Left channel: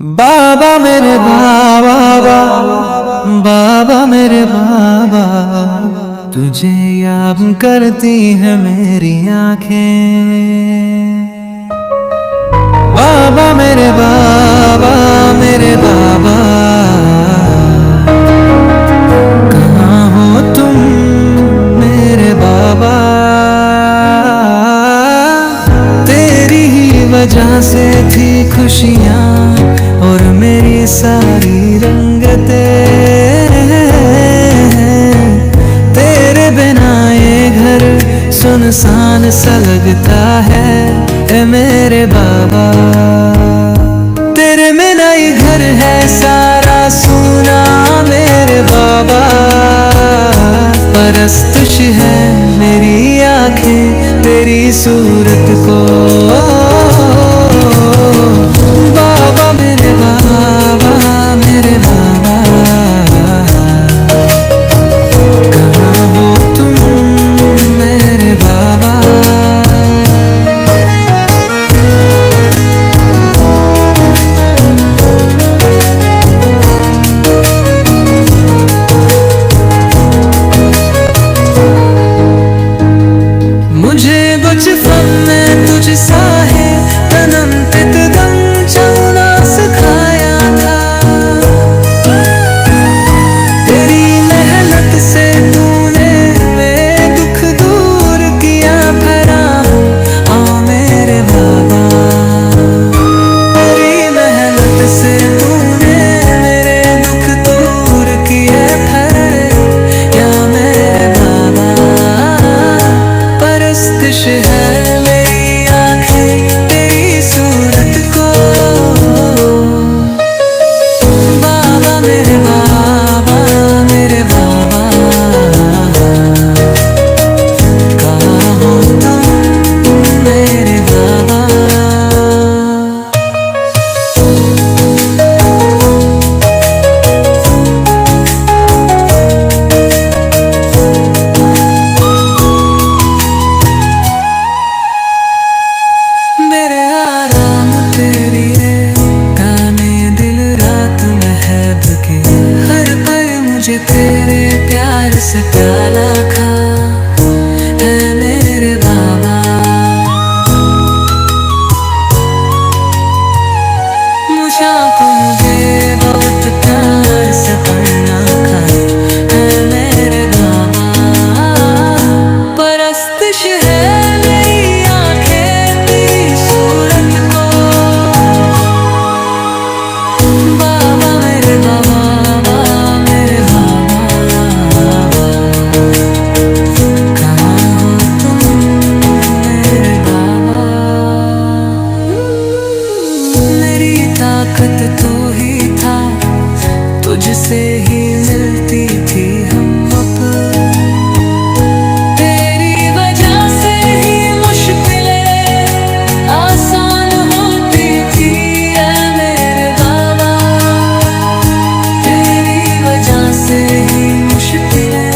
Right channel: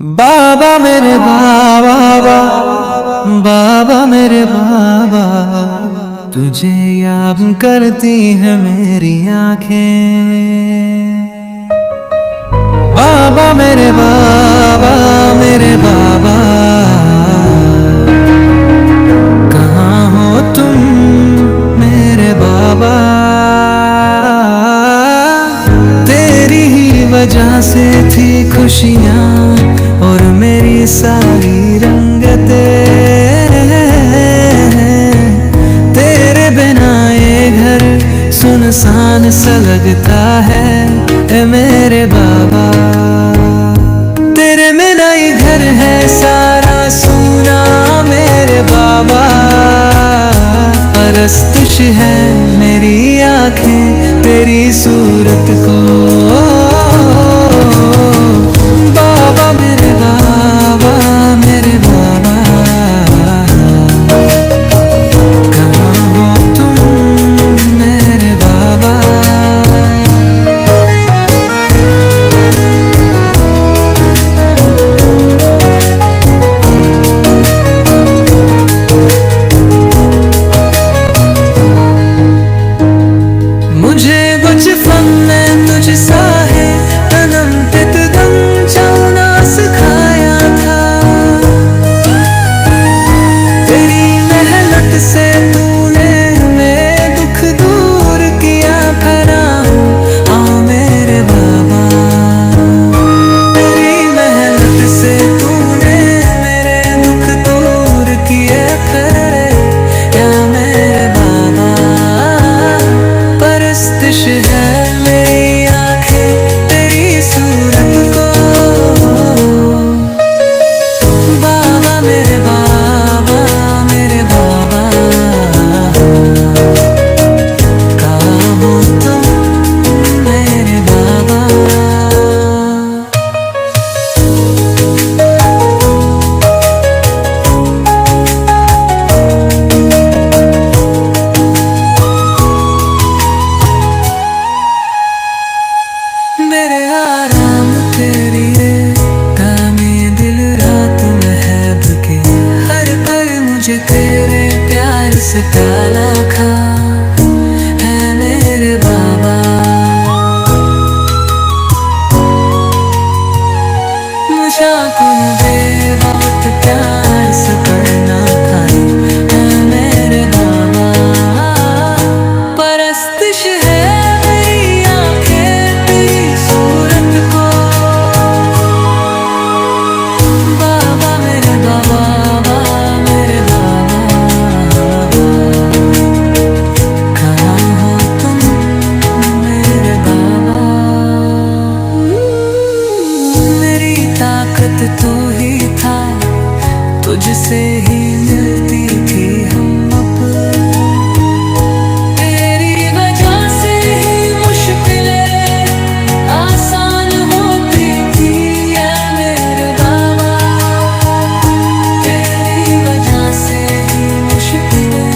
बाबा मेरे बाबा, बाबा मेरे बाबा, तुझे याद करती है मेरी आंखें। बाबा मेरे बाबा, मेरे बाबा, कहाँ हो तुम मेरे बाबा। तेरी ही वजह से थी खुशियाँ और मेरी सारी रंगते। तेरे बिना ये घर सुनसान सा लगता है ए मेरे बाबा। तेरे बिना ही घर है सारा सूना मेरे बाबा। परस्तश है मेरी आंखें तेरी सूरत को। बाबा मेरे बाबा, मेरे बाबा, कहाँ हो तुम मेरे बाबा। मुझे बचपन में तुझसा है तनम तितदम चलना सिखाया था। तेरी मेहनत से तूने मेरे दुख दूर किया भरा हूँ आ मेरे बाबा। तेरी मेहनत से तूने मेरे दुख दूर किया भरे या मेरे बाबा। परस्तिश है मेरी आंखें तेरी सूरत को। बाबा मेरे बाबा, मेरे बाबा, कहाँ हो तुम मेरे बाबा। मेरे आराम तेरी रे गाने दिल रात महब के। हर पल मुझे तेरे प्यार से प्याला खा है मेरे बाबा। मुझा को दे बहुत प्यार से पढ़ना खा है मेरे बाबा। परस्तिश है मेरी आंखें तेरी सूरत को। बाबा मेरे बाबा, मेरे बाबा, कहाँ हो तुम मेरे बाबा। मेरी ताकत तू ही था, तुझसे ही मिलती थी हिम्मत। तेरी वजह से ही मुश्किलें आसान होती थी ऐ मेरे बाबा। तेरी वजह से ही मुश्किलें